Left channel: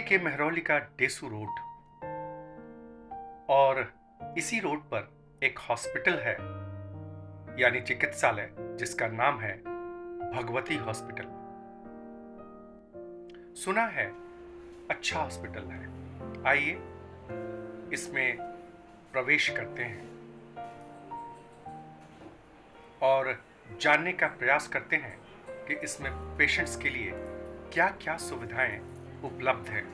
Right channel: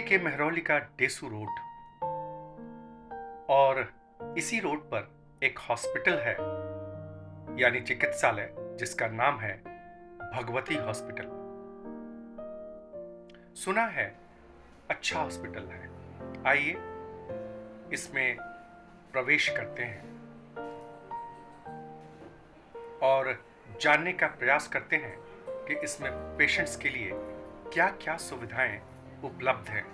के मेहरौली का डेसू रोड और इसी रोड पर एक हॉस्पिटल है यानी चिकित्सालय जिसका नाम है भगवती हॉस्पिटल। सुना है अच्छा हॉस्पिटल है, आइए इसमें प्रवेश करते हैं और जानने का प्रयास करते हैं कि इसमें पेशेंट्स के लिए क्या-क्या सुविधाएं उपलब्ध हैं।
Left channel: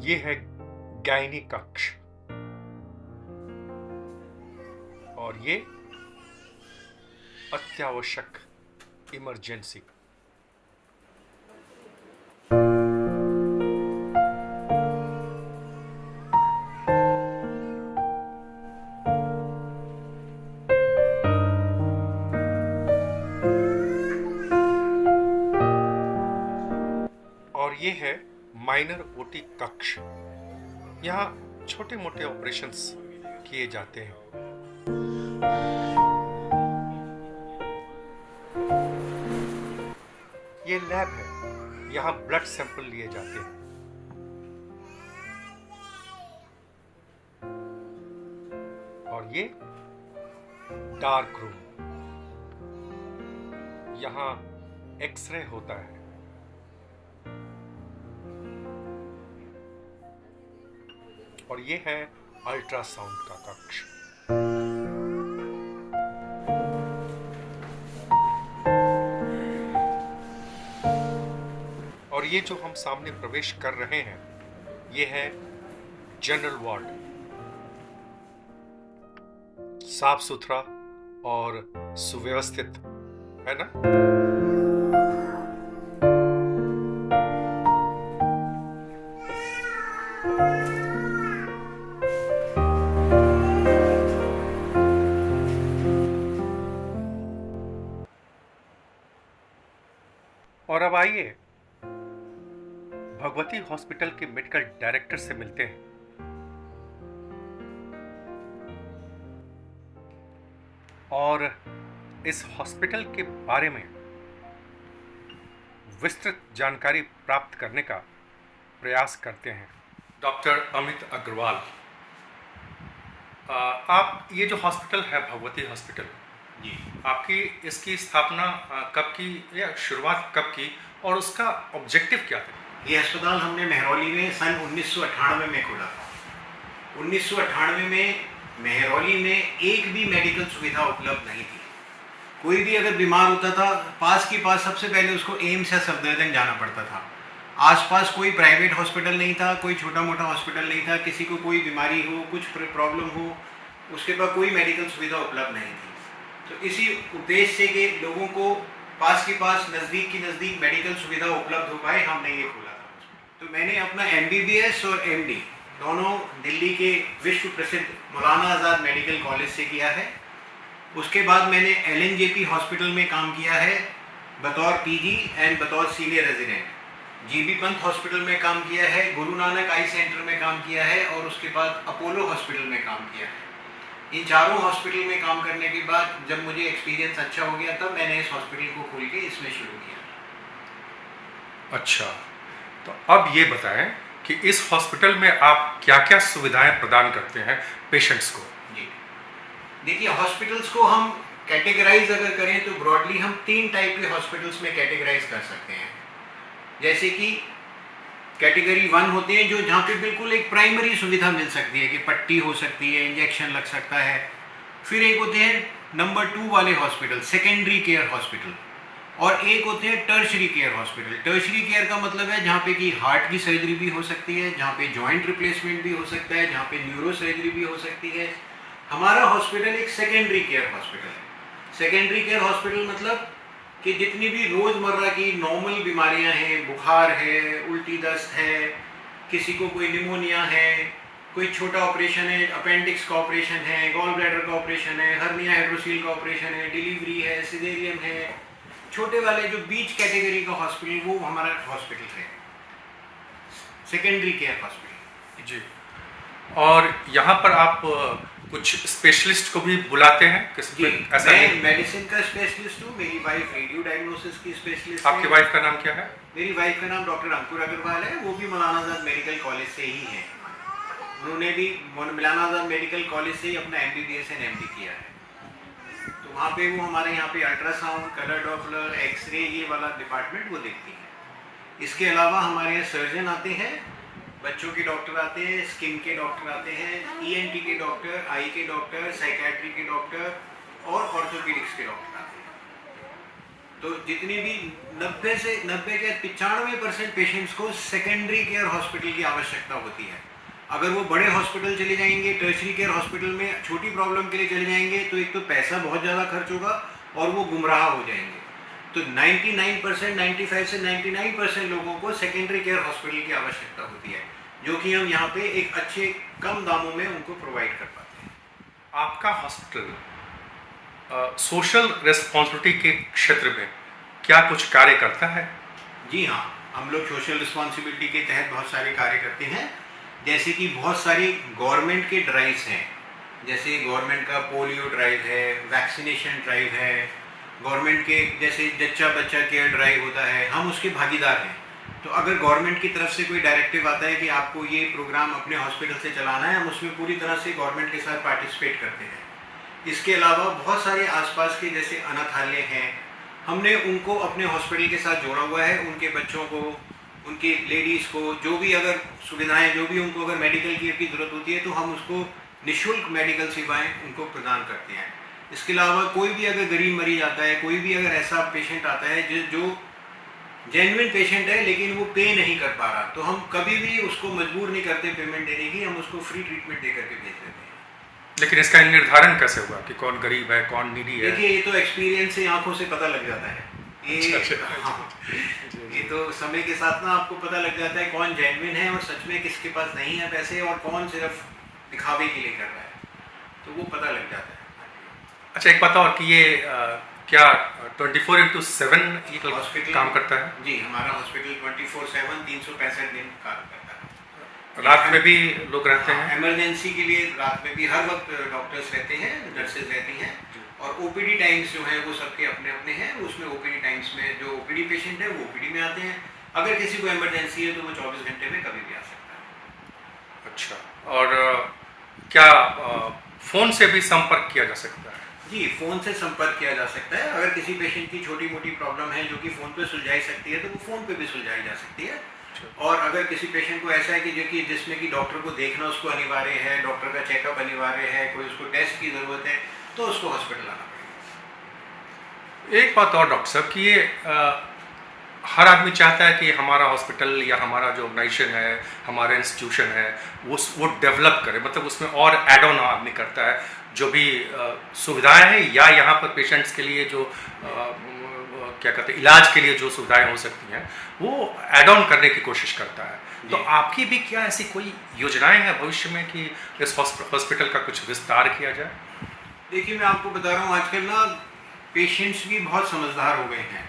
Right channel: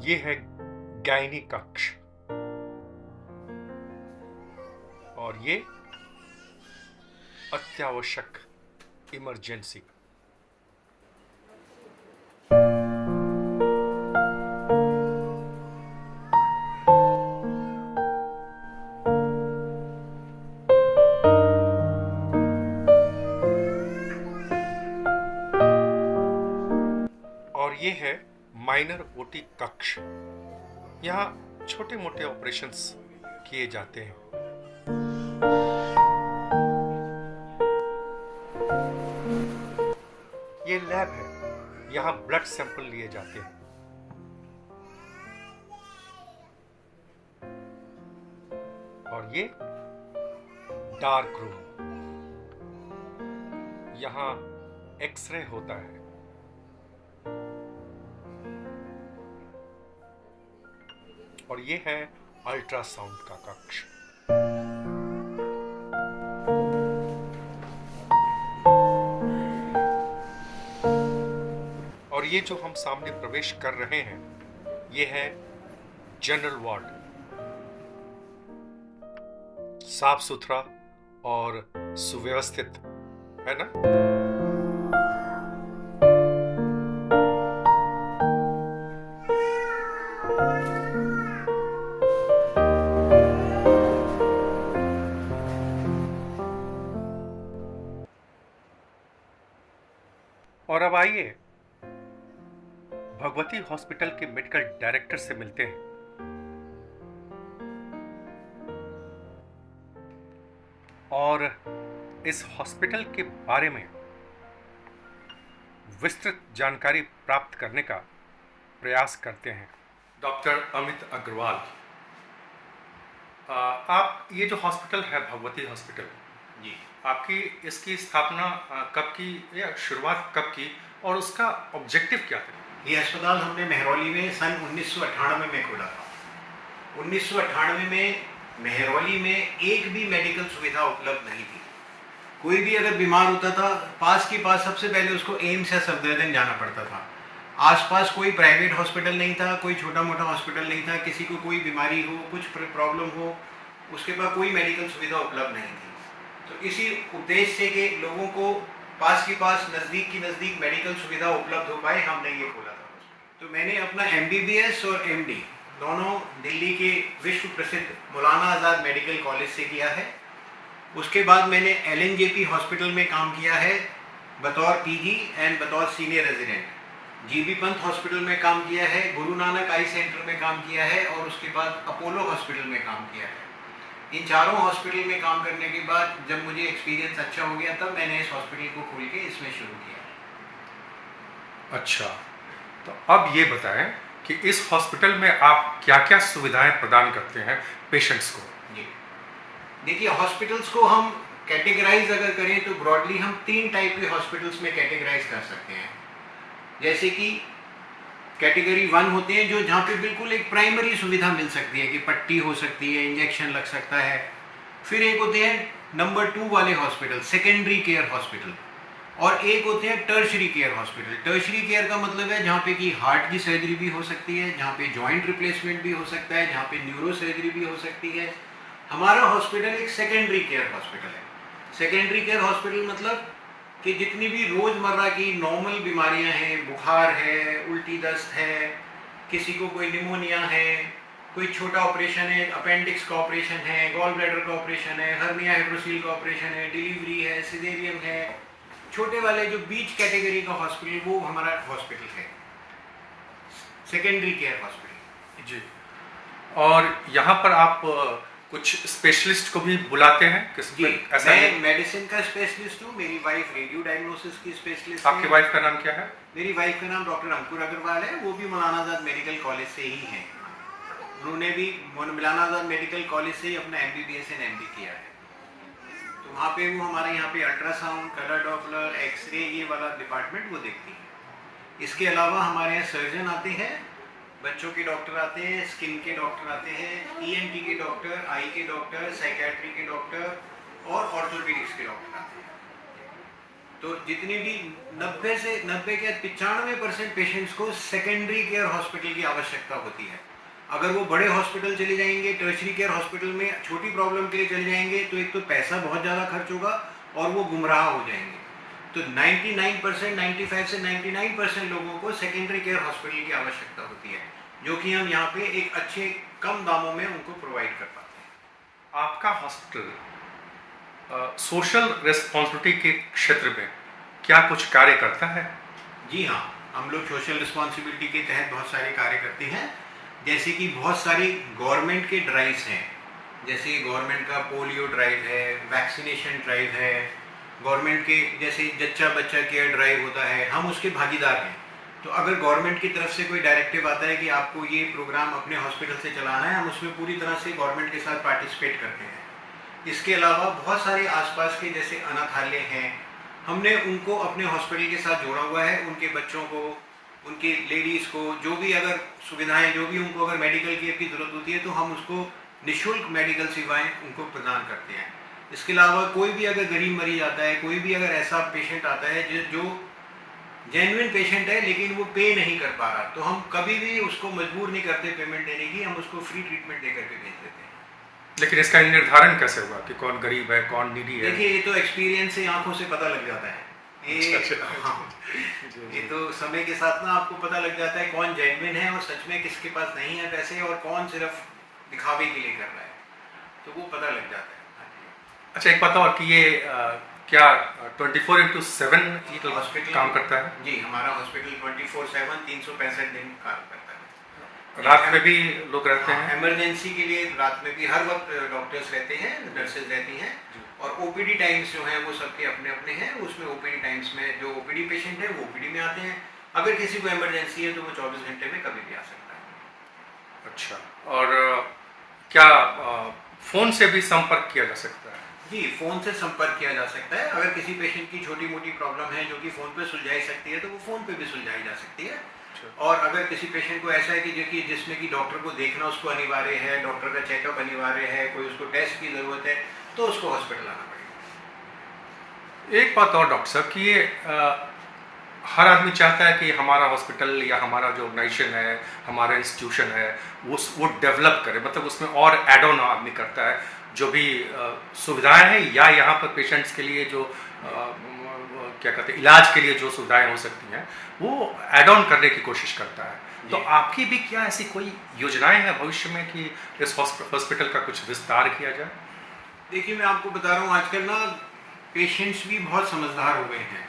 ये है गायनी कक्ष और ये अत्यावश्यक इमरजेंसी। और ये है माइनर ओटी कक्ष, यहाँ छोटे मोटे ऑपरेशंस किए जाते हैं। ये लैब है, यहाँ ब्लड सैंपल लिए जाते हैं। और ये डार्क रूम, यहाँ एक्सरे होता है। और ये है अल्ट्रासाउंड का कक्ष। और ये जो हम सामने प्रवेश कर रहे हैं ये है जनरल वार्ड, साफ सुथरा और सुव्यवस्थित है ना। और अब आइए भगवती हॉस्पिटल के मेडिकल डायरेक्टर से मिलते हैं। और इस हॉस्पिटल के बारे में विस्तृत जानकारी प्राप्त करने का प्रयास करते हैं। डॉक्टर अमित अग्रवाल, आप ये जो हॉस्पिटल है भगवती हॉस्पिटल जी, आपकी इसकी स्थापना कब की या शुरुआत कब की और उसका ऑब्जेक्टिव क्या था? ये अस्पताल हमने मेहरौली में सन 1998 में खोला था। 1998 में मेहरौली में एक भी मेडिकल सुविधा उपलब्ध नहीं थी। कोई भी अगर बीमार होता था पास सबसे पहले उसको एम्स या सफदरजंग जाना पड़ता था। आसपास कोई प्राइवेट हॉस्पिटल नहीं था, कोई छोटा मोटा हॉस्पिटल नहीं था। किसी को कोई बीमारी हो, कुछ प्रॉब्लम हो, उसके पास कोई मेडिकल सुविधा उपलब्ध नहीं थी। तो इसी उद्देश्य से कि लोगों को पास नज़दीक की नज़दीक मेडिकल सुविधा उपलब्ध हो पाए, हमने ये खोला था। तो मैंने अपना MBBS और MD दोनों दिल्ली के विश्व प्रसिद्ध मौलाना आज़ाद मेडिकल कॉलेज से किया है। उसके बाद मैंने LNJP हॉस्पिटल में काम किया है बतौर PG एंड बतौर senior resident. GB Pant hospital में काम किया है, गुरु नानक आई सेंटर में काम किया है और उसके बाद अपोलो हॉस्पिटल में काम किया है। इन चारों हॉस्पिटल में काम करने के बाद जब मुझे एक्सपीरियंस अच्छा हो गया तब मैंने इस हॉस्पिटल को खोल के इसमें शुरू किया। अच्छा, तो अब ये बताएं कि इस हॉस्पिटल में आप क्या-क्या सुविधाएं प्रदान करते हैं पेशेंट्स को? जी, देखिए हॉस्पिटल्स को हम कैटेगराइज अगर करें तो ब्रॉडली हम 3 टाइप के हॉस्पिटल्स में कैटेगराइज कर सकते हैं। जैसे कि कैटेगरी 1 होते हैं जो जहाँ पे बिल्कुल एक प्राइमरी सुविधा मिल सकती है कि पट्टी हो सकती है, इंजेक्शन लग सकता है। फिर एक होते हैं नंबर 2 वाले हॉस्पिटल, सेकेंडरी केयर हॉस्पिटल, और एक होते हैं tertiary care hospital. Tertiary care का मतलब है जहाँ पे कि हार्ट की सर्जरी भी हो सकती है, जहाँ पे जॉइंट रिप्लेसमेंट भी हो सकता है, जहाँ पे न्यूरो सर्जरी भी हो सकती है। हमारा हॉस्पिटल एक सेकेंडरी केयर हॉस्पिटल है। सेकेंडरी केयर हॉस्पिटल मतलब कि जितनी भी रोज़मर्रा की नॉर्मल बीमारियां हैं, बुखार है, उल्टी दस्त है, किसी को कोई निमोनिया है, कोई छोटा ऑपरेशन है, अपेंडिक्स का ऑपरेशन है, गॉल ब्लैडर का ऑपरेशन है, हर्निया हाइड्रोसील का ऑपरेशन है, डिलीवरी है, सिजेरियन है, छोटे वाले जो बीच कैटेगरी का हॉस्पिटल, वो हमारा हॉस्पिटल है सेकेंडरी केयर हॉस्पिटल। जी। और यहाँ पर आप कुछ स्पेशलिस्ट को भी बुलाते हैं? जी, मैं मेडिसिन का स्पेशलिस्ट हूँ, मेरी वाइफ रेडियो डायग्नोसिस की स्पेशलिस्ट है। आपकी वाइफ का नाम क्या है? मेरी वाइफ का नाम डॉक्टर अंकुर अग्रवाल है, वो भी मौलाना आज़ाद मेडिकल कॉलेज से ही हैं। उन्होंने भी मौलाना आज़ाद मेडिकल कॉलेज से ही अपना MBBS एंड MD किया है। तो वहाँ पे वो हमारे यहाँ पे अल्ट्रासाउंड, कलर डॉपलर, एक्सरे, ये वाला डिपार्टमेंट वो देखती है। इसके अलावा हमारे यहाँ सर्जन आते हैं, बच्चों के डॉक्टर आते हैं, स्किन के डॉक्टर आते हैं, ENT के डॉक्टर, आई के डॉक्टर, साइकेट्री के डॉक्टर और ऑर्थोपेडिक्स के डॉक्टर आते हैं। तो जितनी भी 90 से 95% पेशेंट्स को सेकेंडरी केयर हॉस्पिटल की आवश्यकता होती है। अगर वो बड़े हॉस्पिटल चले जाएंगे, टर्शरी केयर हॉस्पिटल में छोटी प्रॉब्लम के लिए चले जाएंगे, तो एक तो पैसा बहुत ज़्यादा खर्च होगा और वो गुमराह हो जाएंगे। तो 99%, 95 से 99% लोगों को सेकेंडरी केयर हॉस्पिटल की आवश्यकता होती है, जो कि हम यहाँ पे एक अच्छे कम दामों में उनको प्रोवाइड कर पाते हैं। आपका हॉस्पिटल सोशल रिस्पॉन्सिबिलिटी के क्षेत्र में क्या कुछ कार्य करता है? जी हाँ, हम लोग सोशल रिस्पॉन्सिबिलिटी के तहत बहुत सारे कार्य करते हैं। जैसे कि बहुत सारी गवर्नमेंट के ड्राइव्स हैं, जैसे गवर्नमेंट का पोलियो ड्राइव है, वैक्सीनेशन ड्राइव है, गवर्नमेंट के जैसे जच्चा बच्चा केयर ड्राइव होता है, हम उसके भागीदार हैं। तो अगर गवर्नमेंट की तरफ से कोई डायरेक्टिव आता है कि आपको ये प्रोग्राम अपने हॉस्पिटल से चलाना है, हम उसमें पूरी तरह से गवर्नमेंट के साथ पार्टिसिपेट करते हैं। इसके अलावा बहुत सारे आसपास के जैसे अनाथालय हैं, हमने उनको अपने हॉस्पिटल के साथ जोड़ा हुआ है। उनके बच्चों को, उनकी लेडीज़ को जो भी अगर सुविधाएं, जो भी उनको अगर मेडिकल केयर की ज़रूरत होती है, तो हम उसको निःशुल्क मेडिकल सेवाएं उनको प्रदान करते हैं। इसके अलावा कोई भी अगर गरीब मरीज आता है, कोई भी अगर ऐसा पेशेंट आता है जो जेन्युइन पेशेंट है लेकिन वो पे नहीं कर पा रहा, तो हम कभी भी उसको मजबूर नहीं करते पेमेंट देने की, हम उसको फ्री ट्रीटमेंट दे करके भेज देते हैं। लेकिन इसका निर्धारण कैसे होगा कि कौन गरीब है, कौन नीडी है? देखिए, ये तो एक्सपीरियंस से, आंखों से पता लग जाता है। हाँ, ये तो समय के साथ ना आपको पता लग जाता है कौन जेन्युइन है और सच में किसके पास नहीं है पैसे, और कौन सिर्फ दिखावे के लिए कर रहा है, तो वो पता लग जाता है। अच्छा, एक बात और कि ये क्या 24/7 हॉस्पिटल काम करता है? जी, हमारा हॉस्पिटल 24/7 365 दिन काम करता है। रात में भी लोग रहते हैं? इमरजेंसी के लिए रात में भी हर वक्त डॉक्टर्स रहते हैं, नर्सेज रहती हैं, और OPD टाइम्स जो हैं वो सबके अपने अपने हैं। उसमें OPD टाइम्स में जो OPD पेशेंट है वो OPD में आते हैं। अगर किसी को इमरजेंसी है तो वो 24 घंटे में कभी भी आ सकता है। अच्छा, और क्या फ़ोन से भी संपर्क किया जा सकता है? जी, फ़ोन से संपर्क किया जा सकता है। अगर किसी पेशेंट की छोटी मोटी प्रॉब्लम है जो कि फ़ोन पे सुलझाई सकती है, तो वो फ़ोन पे भी सुलझाई जा सकती है। और अगर किसी पेशेंट को ऐसा है कि जिसमें कि डॉक्टर को देखना उसको अनिवार्य है, डॉक्टर का चेकअप अनिवार्य है, कोई उसको टेस्ट की ज़रूरत है, तो उसको हॉस्पिटल आना पड़ेगा। एक बात और डॉक्टर साहब कि ये हर आदमी चाहता है कि हमारा हॉस्पिटल या हमारा जो ऑर्गेनाइजेशन है, हमारा इंस्टीट्यूशन है, वो डेवलप करे, मतलब उसमें और एड ऑन आदमी करता है, जो भी सुविधाएं हैं या यहाँ पर पेशेंट्स के लिए जो क्या कहते हैं, इलाज के लिए जो सुविधाएं हो सकती हैं, वो एड ऑन करने की कोशिश करता है। तो आपकी भी क्या ऐसी कोई योजनाएं हैं भविष्य में कि इस हॉस्पिटल का कुछ विस्तार किया जाए? देखिए, मैं आपको बता रहा हूँ, आजकल ना पेशेंट्स भी बहुत समझदार हो गए हैं।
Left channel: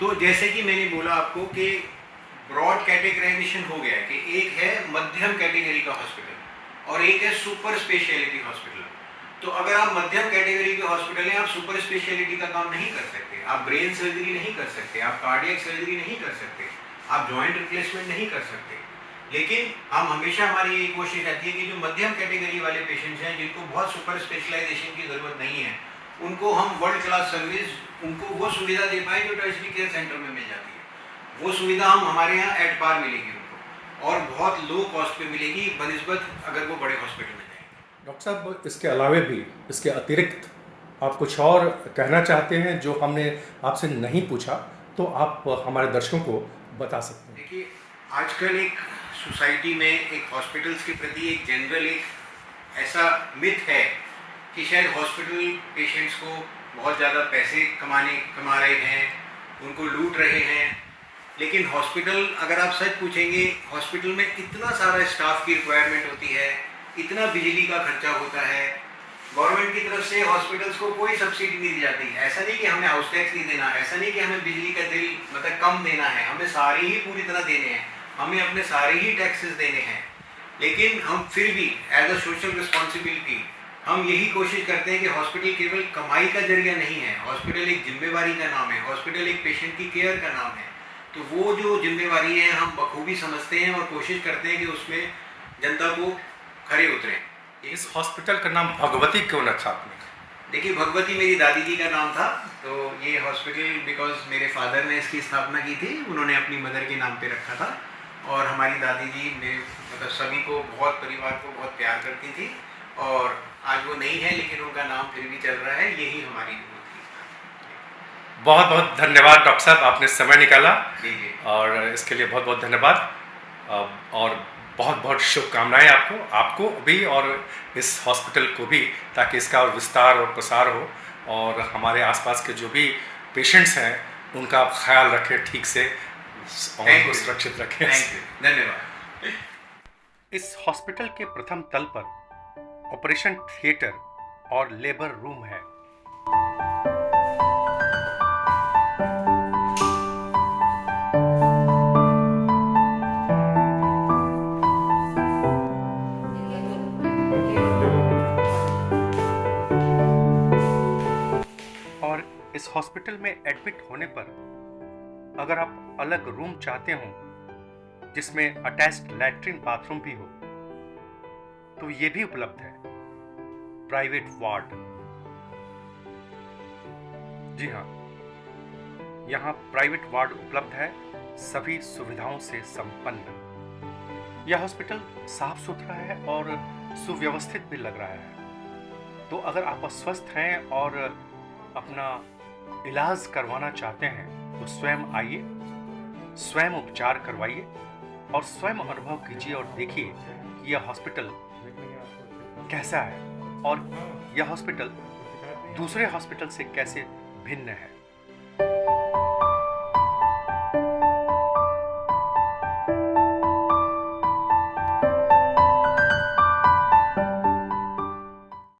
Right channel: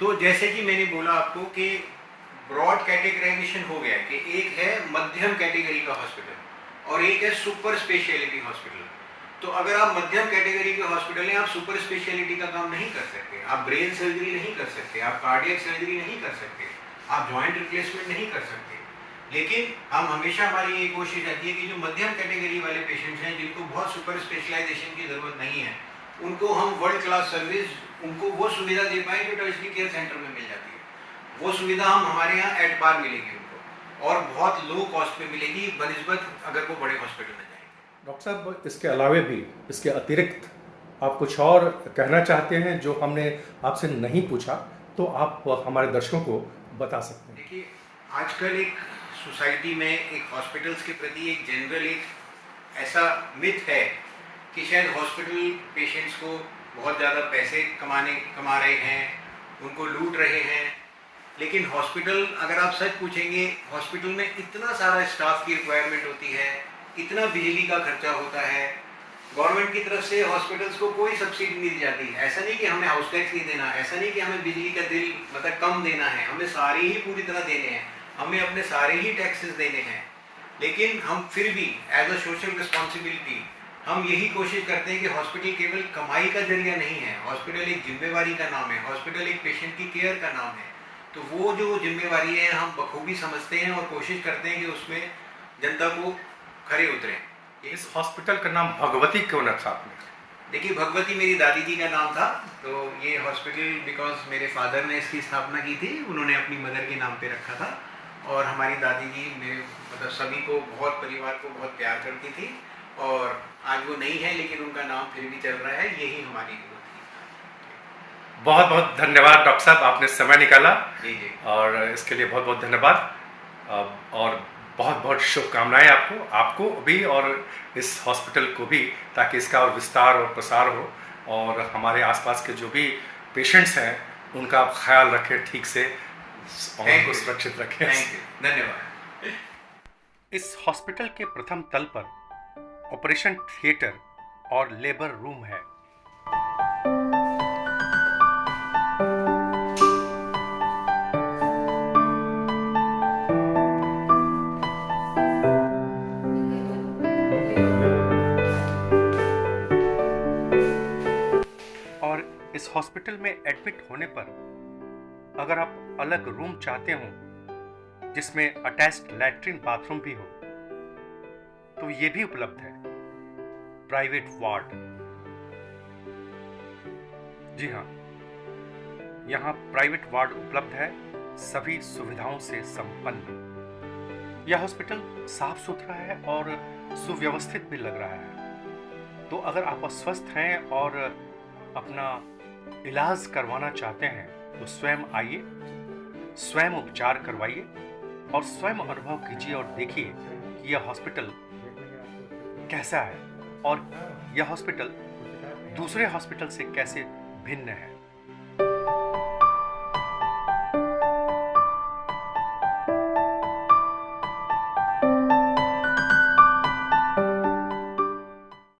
तो जैसे कि मैंने बोला आपको कि ब्रॉड कैटेगराइजेशन हो गया है कि एक है मध्यम कैटेगरी का हॉस्पिटल और एक है सुपर स्पेशलिटी हॉस्पिटल। तो अगर आप मध्यम कैटेगरी के हॉस्पिटल हैं, आप सुपर स्पेशलिटी का काम नहीं कर सकते, आप ब्रेन सर्जरी नहीं कर सकते, आप कार्डियक सर्जरी नहीं कर सकते, आप जॉइंट रिप्लेसमेंट नहीं कर सकते। लेकिन हम हमेशा, हमारी ये कोशिश रहती है कि जो मध्यम कैटेगरी वाले पेशेंट्स हैं, जिनको बहुत सुपर स्पेशलाइजेशन की ज़रूरत नहीं है, उनको हम वर्ल्ड क्लास सर्विस, उनको वो सुविधा दे पाएँ जो टर्शरी केयर सेंटर में मिल जाती है। वो सुविधा हम हमारे यहाँ एट पार मिलेगी उनको। और बहुत लो कॉस्ट पे मिलेगी बनिस्बत अगर वो बड़े हॉस्पिटल में जाएंगे। डॉक्टर साहब, इसके अलावे भी, इसके अतिरिक्त आप कुछ और कहना चाहते हैं जो हमने आपसे नहीं पूछा, तो आप हमारे दर्शकों को बता सकते हैं। देखिए, आजकल एक सोसाइटी में एक हॉस्पिटल्स के प्रति एक जनरल एक ऐसा मिथ है कि शायद हॉस्पिटल पेशेंट्स को बहुत ज़्यादा पैसे कमा रहे हैं, उनको लूट रहे हैं। लेकिन हॉस्पिटल, अगर आप सच पूछेंगे, हॉस्पिटल में इतना सारा स्टाफ की रिक्वायरमेंट होती है, इतना बिजली का खर्चा होता है, गवर्नमेंट की तरफ से हॉस्पिटल्स को कोई सब्सिडी नहीं दी जाती। ऐसा नहीं कि हमें हाउस टैक्स नहीं देना, ऐसा नहीं कि हमें बिजली का बिल मतलब कम देना है, हमें सारे ही पूरी तरह देने हैं, हमें अपने सारे ही टैक्सेस देने हैं। लेकिन हम फिर भी एज अ सोशल रिस्पॉन्सिबिलिटी हम यही कोशिश करते हैं कि हॉस्पिटल केवल कमाई का जरिया नहीं है, हॉस्पिटल एक जिम्मेवारी का नाम है, हॉस्पिटल एक पेशेंट की केयर का नाम है। तो वो जो जिम्मेवारी है हम बखूबी समझते हैं और कोशिश करते हैं कि उसमें जनता को खरे उतरें। इस हॉस्पिटल का नाम भगवती क्यों रखा आपने? देखिए, भगवती मेरी दादी जी का नाम था, तो ये हॉस्पिटल बिकॉज मेरे फादर ने इसकी स्थापना की थी, उन्होंने अपनी मदर के नाम पे रखा था। और हमारी दादी जी मेरे मतलब सभी को बहुत, परिवार को बहुत प्यार करती थी, और आज वो नहीं है लेकिन उनका नाम फिर भी चल रहा है, यही हमारी वो थी। बहुत बहुत धन्यवाद डॉक्टर साहब, आपने समय निकाला, जी जी, और इसके लिए बहुत बहुत धन्यवाद। और बहुत बहुत शुभकामनाएं आपको भी, और इस हॉस्पिटल को भी, ताकि इसका और विस्तार और प्रसार हो, और हमारे आसपास के जो भी पेशेंट्स हैं उनका आप ख्याल रखें ठीक से और उनको सुरक्षित रखें। थैंक यू, धन्यवाद। इस हॉस्पिटल के प्रथम तल पर ऑपरेशन थिएटर और लेबर रूम है। और इस हॉस्पिटल में एडमिट होने पर अगर आप अलग रूम चाहते हो जिसमें अटैच्ड लैट्रिन बाथरूम भी हो, तो ये भी उपलब्ध है। प्राइवेट वार्ड, जी हाँ, यहाँ प्राइवेट वार्ड उपलब्ध है, सभी सुविधाओं से संपन्न। यह हॉस्पिटल साफ सुथरा है और सुव्यवस्थित भी लग रहा है। तो अगर आप अस्वस्थ हैं और अपना इलाज करवाना चाहते हैं तो स्वयं आइए, स्वयं उपचार करवाइए और स्वयं अनुभव कीजिए और देखिए कि यह हॉस्पिटल कैसा है और यह हॉस्पिटल दूसरे हॉस्पिटल से कैसे भिन्न है।